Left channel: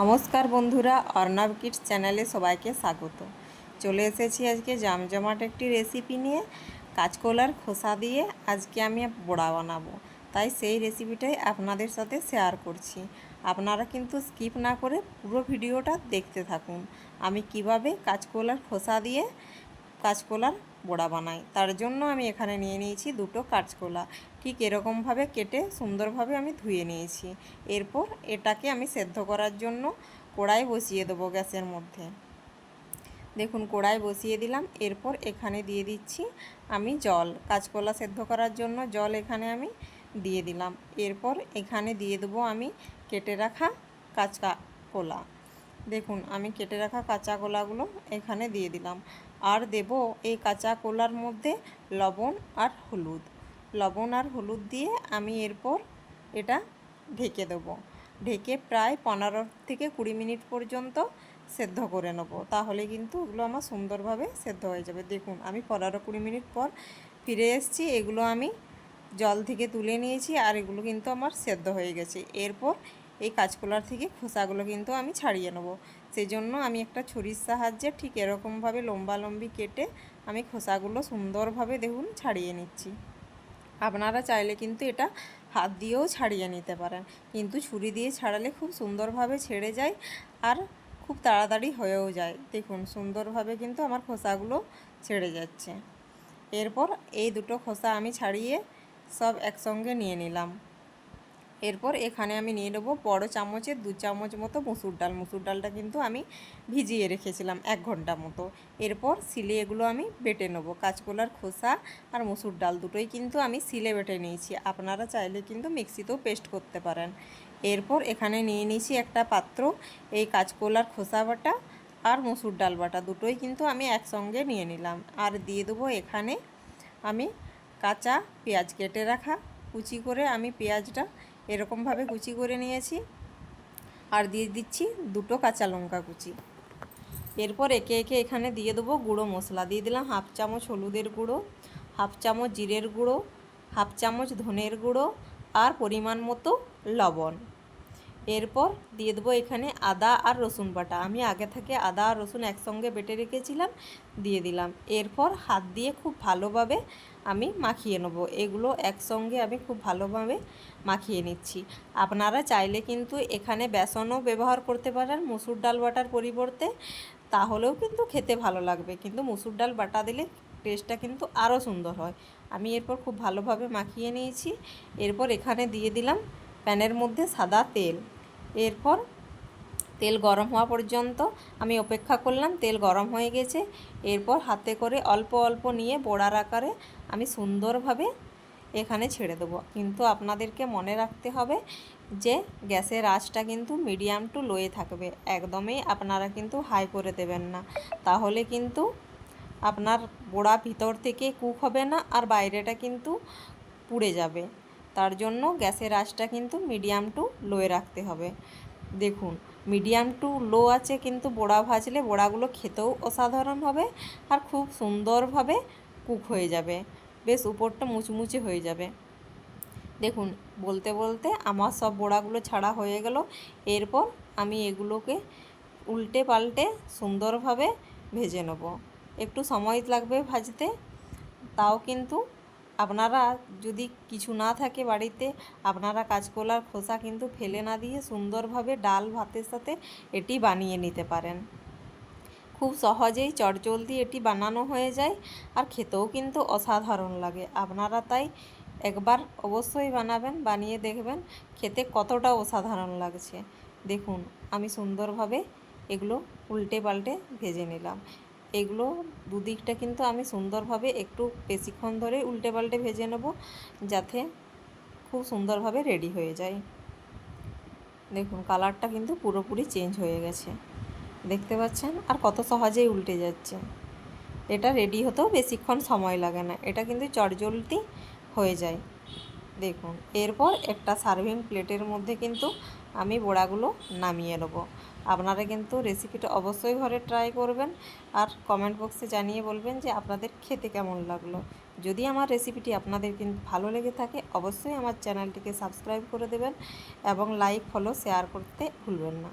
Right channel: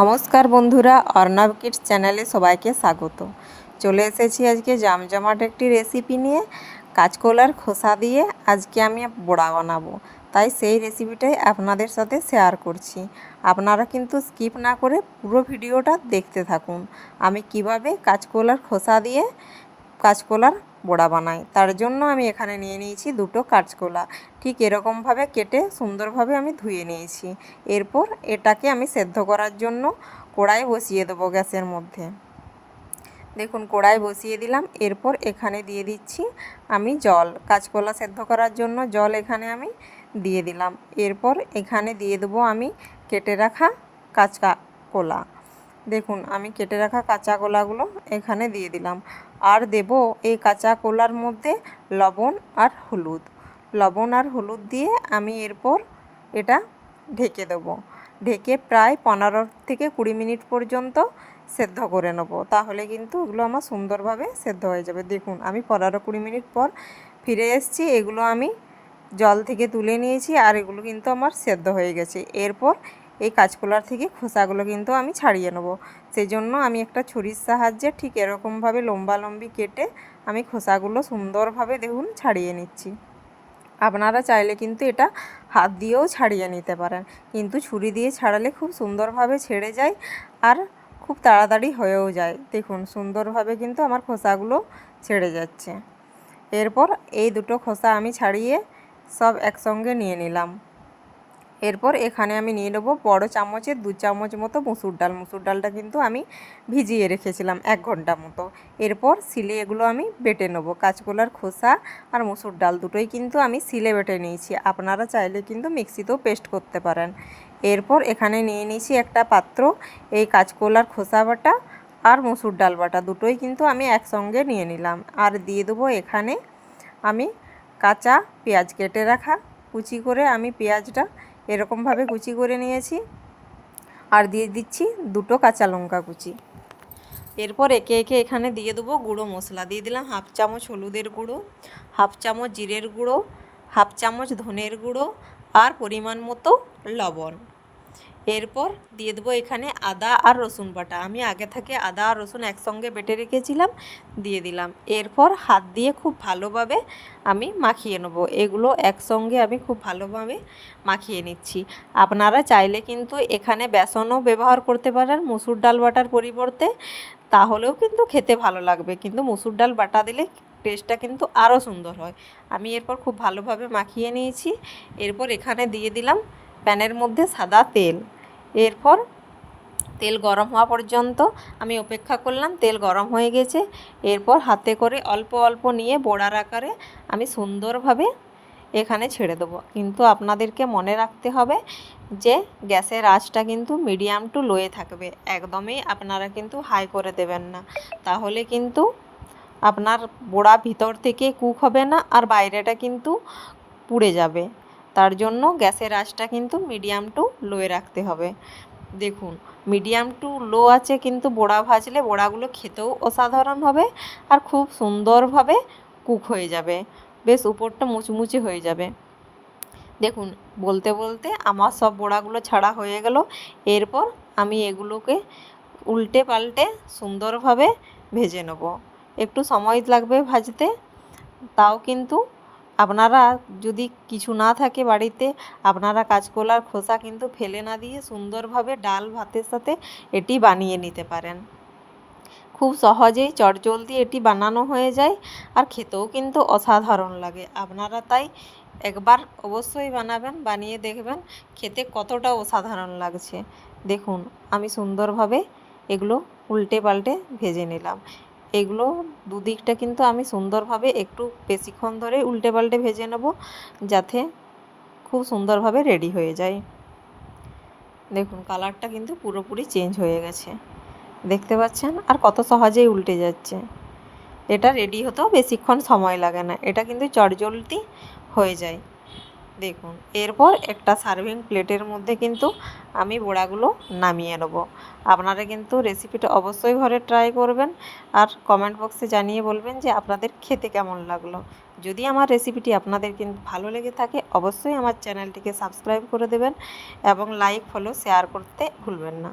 নমস্কার বন্ধুরা, অর্ণব কিডস চ্যানেলে সবাইকে স্বাগত। চলে এসেছি আজকে জামজমাট একটি রেসিপি নিয়ে, কাঁচকলার খোসা দিয়ে আজকে আমি বড়া বানাবো। তাই সেই রেসিপিটাই আপনাদের সাথে শেয়ার করছি। আপনারা কিন্তু স্কিপ না করে পুরো ভিডিওটা দেখতে থাকুন। আমি কীভাবে কাঁচকলার খোসা দিয়ে কাঁচকলার বড়া বানাই। তার জন্য আমি এখানে নিয়ে নিয়েছি দুটো কাঁচকলা। ঠিক এরকমভাবে কেটে সুন্দরভাবে আমি ধুয়ে নিয়েছি। এরপর এটাকে আমি সেদ্ধ করার জন্য কড়াই বসিয়ে দেবো গ্যাসের মধ্যে। দেখুন, কড়াই বসিয়ে দিলাম। এরপর এখানে দিয়ে দিচ্ছি আমি জল। কাঁচকলা সেদ্ধ করার জন্য জল এখানে আমি দিয়ে দিলাম। এরপর এখানে দিয়ে দেবো আমি কেটে রাখা কাঁচকা কলা দেখুন, আমি কেটে রাখা কাঁচা কলাগুলো এখানে দিয়ে দিলাম। আর দেব এই কাঁচা কলার মধ্যে লবণ আর হলুদ। লবণ আর হলুদ দিয়ে আমি এরপর এটা ঢেকে দেবো। ঢেকে প্রায় পনেরো থেকে কুড়ি মিনিট পর্যন্ত সেদ্ধ করে নেব। তাহলে কিন্তু এগুলো আমার সুন্দরভাবে সেদ্ধ হয়ে যাবে। দেখুন, আমি পনেরো কুড়ি মিনিট পর ফিরে এসেছি। এগুলো আমি জল থেকে তুলে নিয়েছি আর এগুলো কিন্তু আমার সেদ্ধ হয়ে গেছে। এরপর এই কাঁচকলার থেকে খোসাগুলো কিন্তু আমি ছাড়িয়ে নেব। সেই জন্য আমি একটা ছুরির সাহায্যে ঠিক এরকমভাবে লম্বা লম্বি কেটে আমি খোসাগুলো সুন্দরভাবে দেখুন ছাড়িয়ে নিচ্ছি। আপনারা চাইলে কিন্তু এটা হাত দিয়েও ছাড়িয়ে নিতে পারেন। কিন্তু ছুরি দিয়ে ছাড়ালে খুব সুন্দরভাবে ছেড়ে যায় আর খুব তাড়াতাড়ি হয়েও যায়। দেখুন সুন্দরভাবে কিন্তু আমার খোসাগুলো ছেড়ে যাচ্ছে। এরপর এই দুটো খোসা আমি ছাড়িয়ে সব একসঙ্গে নিয়ে নিলাম। এরপর এখানে আমি নিয়ে নেব বড়ো চামচের দু চামচ মতো মুসুর ডাল। মুসুর ডালটা কিন্তু আমি ভিজিয়ে রেখেছিলাম এক ঘণ্টা মতো। এরপর সিলে এগুলো আমি বেটে নেব। কাঁচকলার খোসা আর মুসুর ডাল দুটোই কিন্তু আমি সিলে বেটে নিয়েছি। আপনারা চাইলে কিন্তু মিক্সিতেও পেস্ট করতে পারেন। এরপর এখানে নিয়ে নিয়েছি একটা পাত্র, এই কাঁচকলার খোসা বাটা আর মুসুর ডাল বাটা। দুটোই কিন্তু আমি একসঙ্গে নিয়ে নিলাম। আর দিয়ে দেবো এখানে আমি কাঁচা পেঁয়াজ কেটে রাখা। কুচি করে আমি পেঁয়াজটা এরকমভাবে কুচি করে নিয়েছি। আর দিয়ে দিচ্ছি দুটো কাঁচা লঙ্কা কুচি। এরপর একে একে এখানে দিয়ে দেবো গুঁড়ো মশলা। দিয়ে দিলাম হাফ চামচ হলুদের গুঁড়ো, হাফ চামচ জিরের গুঁড়ো, হাফ চামচ ধনের গুঁড়ো আর পরিমাণ মতো লবণ। এরপর দিয়ে দেবো এখানে আদা আর রসুন বাটা। আমি আগে থেকে আদা আর রসুন একসঙ্গে বেটে রেখেছিলাম, দিয়ে দিলাম। এরপর হাত দিয়ে খুব ভালোভাবে আমি মাখিয়ে নেব। এগুলো একসঙ্গে আমি খুব ভালোভাবে মাখিয়ে নিচ্ছি। আপনারা চাইলে কিন্তু এখানে বেসনও ব্যবহার করতে পারেন, মুসুর ডাল বাটার পরিবর্তে। তাহলেও কিন্তু খেতে ভালো লাগবে। কিন্তু মুসুর ডাল বাটা দিলে টেস্টটা কিন্তু আরও সুন্দর হয়। আমি এরপর খুব ভালোভাবে মাখিয়ে নিয়েছি। এরপর এখানে দিয়ে দিলাম প্যানের মধ্যে সাদা তেল। এরপর তেল গরম হওয়া পর্যন্ত আমি অপেক্ষা করলাম, তেল গরম হয়ে গেছে। এরপর হাতে করে অল্প অল্প নিয়ে বড়ার আকারে আমি সুন্দরভাবে এখানে ছেড়ে দেবো। কিন্তু আপনাদেরকে মনে রাখতে হবে যে গ্যাসের আঁচটা কিন্তু মিডিয়াম টু লোয়ে থাকবে। একদমই আপনারা কিন্তু হাই করে দেবেন না। তাহলে কিন্তু আপনার বড়া ভিতর থেকে কুক হবে না আর বাইরেটা কিন্তু পুড়ে যাবে। তার জন্য গ্যাসের আঁচটা কিন্তু মিডিয়াম টু লোয়ে রাখতে হবে। দেখুন মিডিয়াম টু লো আছে কিন্তু বড়া ভাজলে বড়াগুলো খেতেও অসাধারণ হবে আর খুব সুন্দরভাবে কুক হয়ে যাবে। বেশ উপরটা মুচমুচে হয়ে যাবে। দেখুন, বলতে বলতে আমার সব বড়াগুলো ছাড়া হয়ে গেল। এরপর আমি এগুলোকে উল্টে পাল্টে সুন্দরভাবে ভেজে নেব। একটু সময় লাগবে ভাজতে, তাও কিন্তু আপনারা যদি কিছু না থাকে বাড়িতে, আপনারা কাঁচকলার খোসা কিন্তু ফেলে না দিয়ে সুন্দরভাবে ডাল ভাতের সাথে এটি বানিয়ে নিতে পারেন। খুব সহজেই চটজলদি এটি বানানো হয়ে যায় আর খেতেও কিন্তু অসাধারণ লাগে। আপনারা তাই একবার অবশ্যই বানাবেন, বানিয়ে দেখবেন, খেতে কতটা অসাধারণ লাগছে। দেখুন, আমি সুন্দরভাবে এগুলো উল্টে পাল্টে ভেজে নিলাম। এগুলো দুদিকটা কিন্তু আমি সুন্দরভাবে একটু বেশিক্ষণ ধরে উল্টে পাল্টে ভেজে নেব, যাতে খুব সুন্দরভাবে রেডি হয়ে যায়। দেখুন কালারটা কিন্তু পুরোপুরি চেঞ্জ হয়ে গেছে। দেখতে পাচ্ছেন? আর কত সহজেই উল্টে যাচ্ছে। এটা রেডি হতেও বেশিক্ষণ সময় লাগে না। এটা কিন্তু চটজলটি হয়ে যায়। দেখুন, এরপর একটা সার্ভিং প্লেটের মধ্যে কিন্তু আমি বড়াগুলো নামিয়ে নেব। আপনারা কিন্তু রেসিপিটা অবশ্যই ঘরে ট্রাই করবেন আর কমেন্ট বক্সে জানিয়ে বলবেন যে আপনাদের খেতে কেমন লাগল। যদি আমার রেসিপিটি আপনাদের কিন্তু ভালো লেগে থাকে, অবশ্যই আমার চ্যানেলটিকে সাবস্ক্রাইব করে দেবেন এবং লাইক ফলো শেয়ার করতে ভুলবেন না।